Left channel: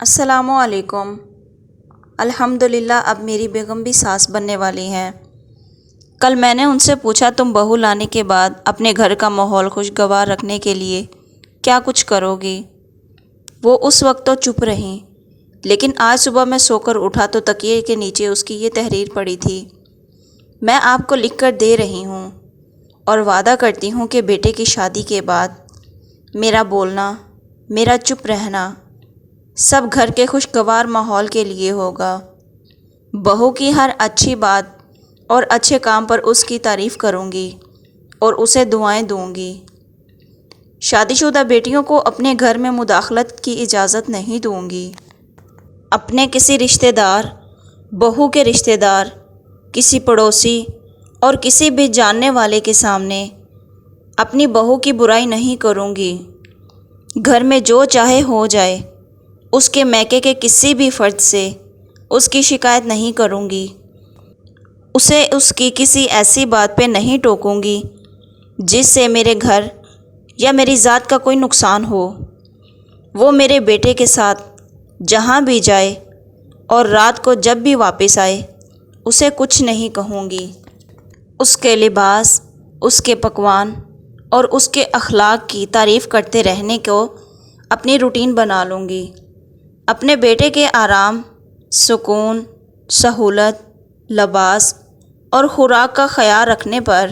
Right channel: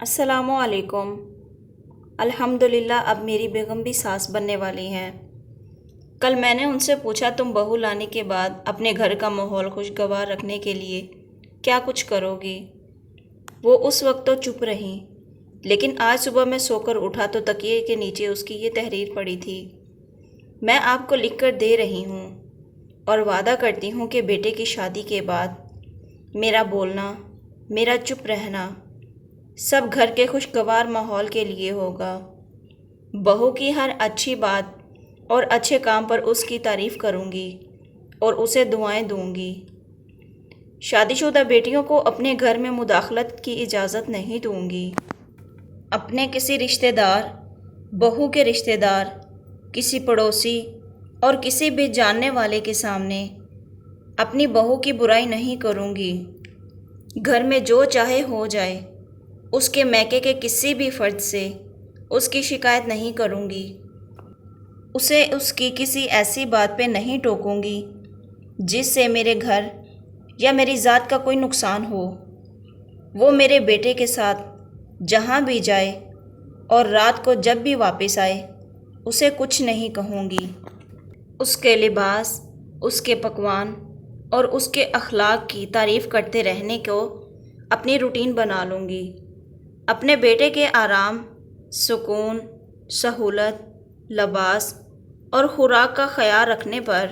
السلام علیکم۔ الحمدللہ اب میری بیگم بھی ساس بننے والی ہیں۔ کل میں نے ان سے پوچھا تم بہو لانے کے بعد اپنے گھر کا ماحول خوشگوار رکھنے کے لیے کیا کچھ کرو گی؟ وہ اس وقت تو چپ رہیں، لیکن آج صبح میں سو کر اٹھا تو تکیے کے نیچے اس کی یہ تحریر پڑی تھی۔ میں آپ کو لکھ کر دے رہی ہوں اور وعدہ کرتی ہوں کہ بیٹے کی شادی کے بعد میرا بولنا، میرا چپ رہنا سب گھر کے خوشگوار ماحول کے لیے ہوگا۔ بہو کی ہر اچھی بات اور اچھے کام پر اس کی تعریف کروں گی اور اسے دعائیں دوں گی۔ شادی شدہ بیٹیوں کو اپنے گھر میں مداخلت کی اجازت نہیں دوں گی۔ اپنے کسی رشتہ دار، بہو کے رشتہ دار، کسی پڑوسی اور کسی بھی جاننے والے کے سامنے اپنی بہو کی برائی نہیں کروں گی۔ گھر میں جو چاہے ہو جائے، اس کے میکے کے کسی بھی فرد سے اس کی شکایت نہیں کروں گی۔ اسے اس کی کسی ایسی بات پہ نہیں ٹوکوں گی جس سے میرے گھر یا میری ذات کا کوئی نقصان ہو۔ وہ میرے بیٹے کے ساتھ جہاں بھی جائے اور رات کو جب بھی واپس آئے اسے کچھ نہیں کہوں گی۔ اس کے لباس، اس کے پکوان اور اس کے اخلاق کی تعریف کرتے رہنے کو اپنی روٹین بنا لوں گی۔ اپنے بیٹے کے آرام، سکون، سہولت، لباس اور خوراک کا خیال رکھنے پر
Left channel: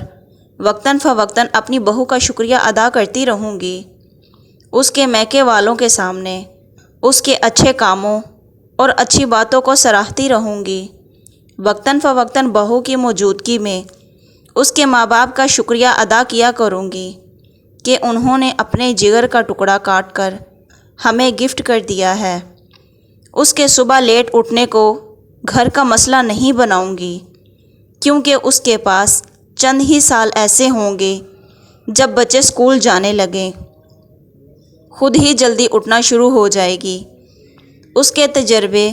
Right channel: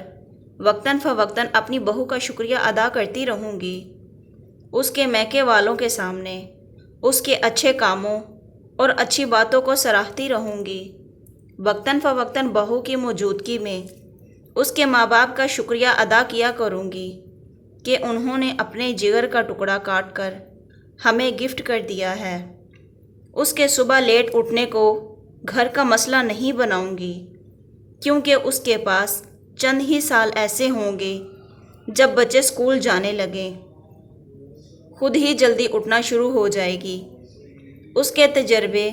وقتاً فوقتاً اپنی بہو کا شکریہ ادا کرتی رہوں گی۔ اس کے میکے والوں کے سامنے اس کے اچھے کاموں اور اچھی باتوں کو سراہتی رہوں گی۔ وقتاً فوقتاً بہو کی موجودگی میں اس کے ماں باپ کا شکریہ ادا کیا کروں گی کہ انہوں نے اپنے جگر کا ٹکڑا کاٹ کر ہمیں گفٹ کر دیا ہے۔ اس کے صبح لیٹ اٹھنے کو گھر کا مسئلہ نہیں بناؤں گی، کیونکہ اس کے پاس چند ہی سال ایسے ہوں گے جب بچے اسکول جانے لگیں، خود ہی جلدی اٹھنا شروع ہو جائے گی۔ اس کے تجربے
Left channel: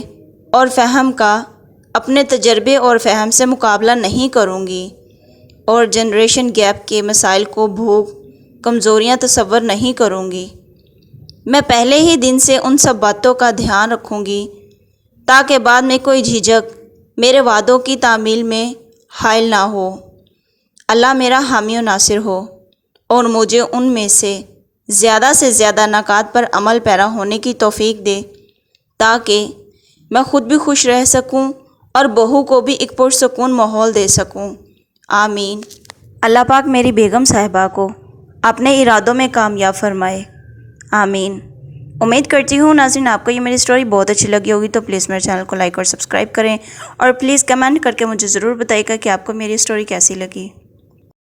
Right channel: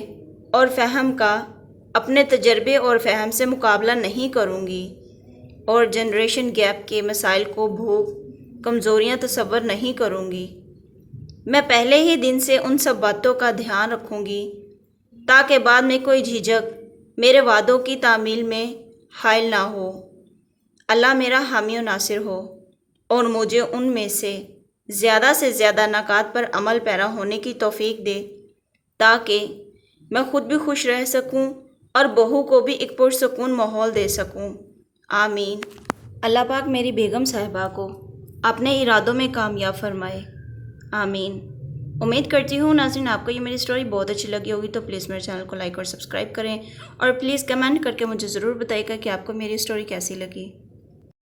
اور فہم کا اپنے تجربے اور فہم سے مقابلہ نہیں کروں گی اور جنریشن گیپ کے مسائل کو بھوک، کمزوریاں تصور نہیں کروں گی۔ میں پہلے ہی دن سے ان سب باتوں کا دھیان رکھوں گی تاکہ بعد میں کوئی جھجک میرے وعدوں کی تعمیل میں حائل نہ ہو۔ اللہ میرا حامی و ناصر ہو اور مجھے ان میں سے زیادہ نکات پر عمل پیرا ہونے کی توفیق دے تاکہ میں خود بھی خوش رہ سکوں اور بہو کو بھی ایک پرسکون ماحول دے سکوں۔ آمین۔ اللہ پاک میری بیگم صاحبہ کو اپنے ارادوں میں کامیاب فرمائے۔ آمین۔ امید کرتی ہوں ناظرین آپ کو یہ میری سٹوری بہت اچھی لگی ہوگی، تو پلیز میرے چینل کو لائک اور سبسکرائب کریں اور پلیز کمنٹ کر کے مجھے ضرور بتائیے گا کہ آپ کو میری سٹوری کیسی لگی۔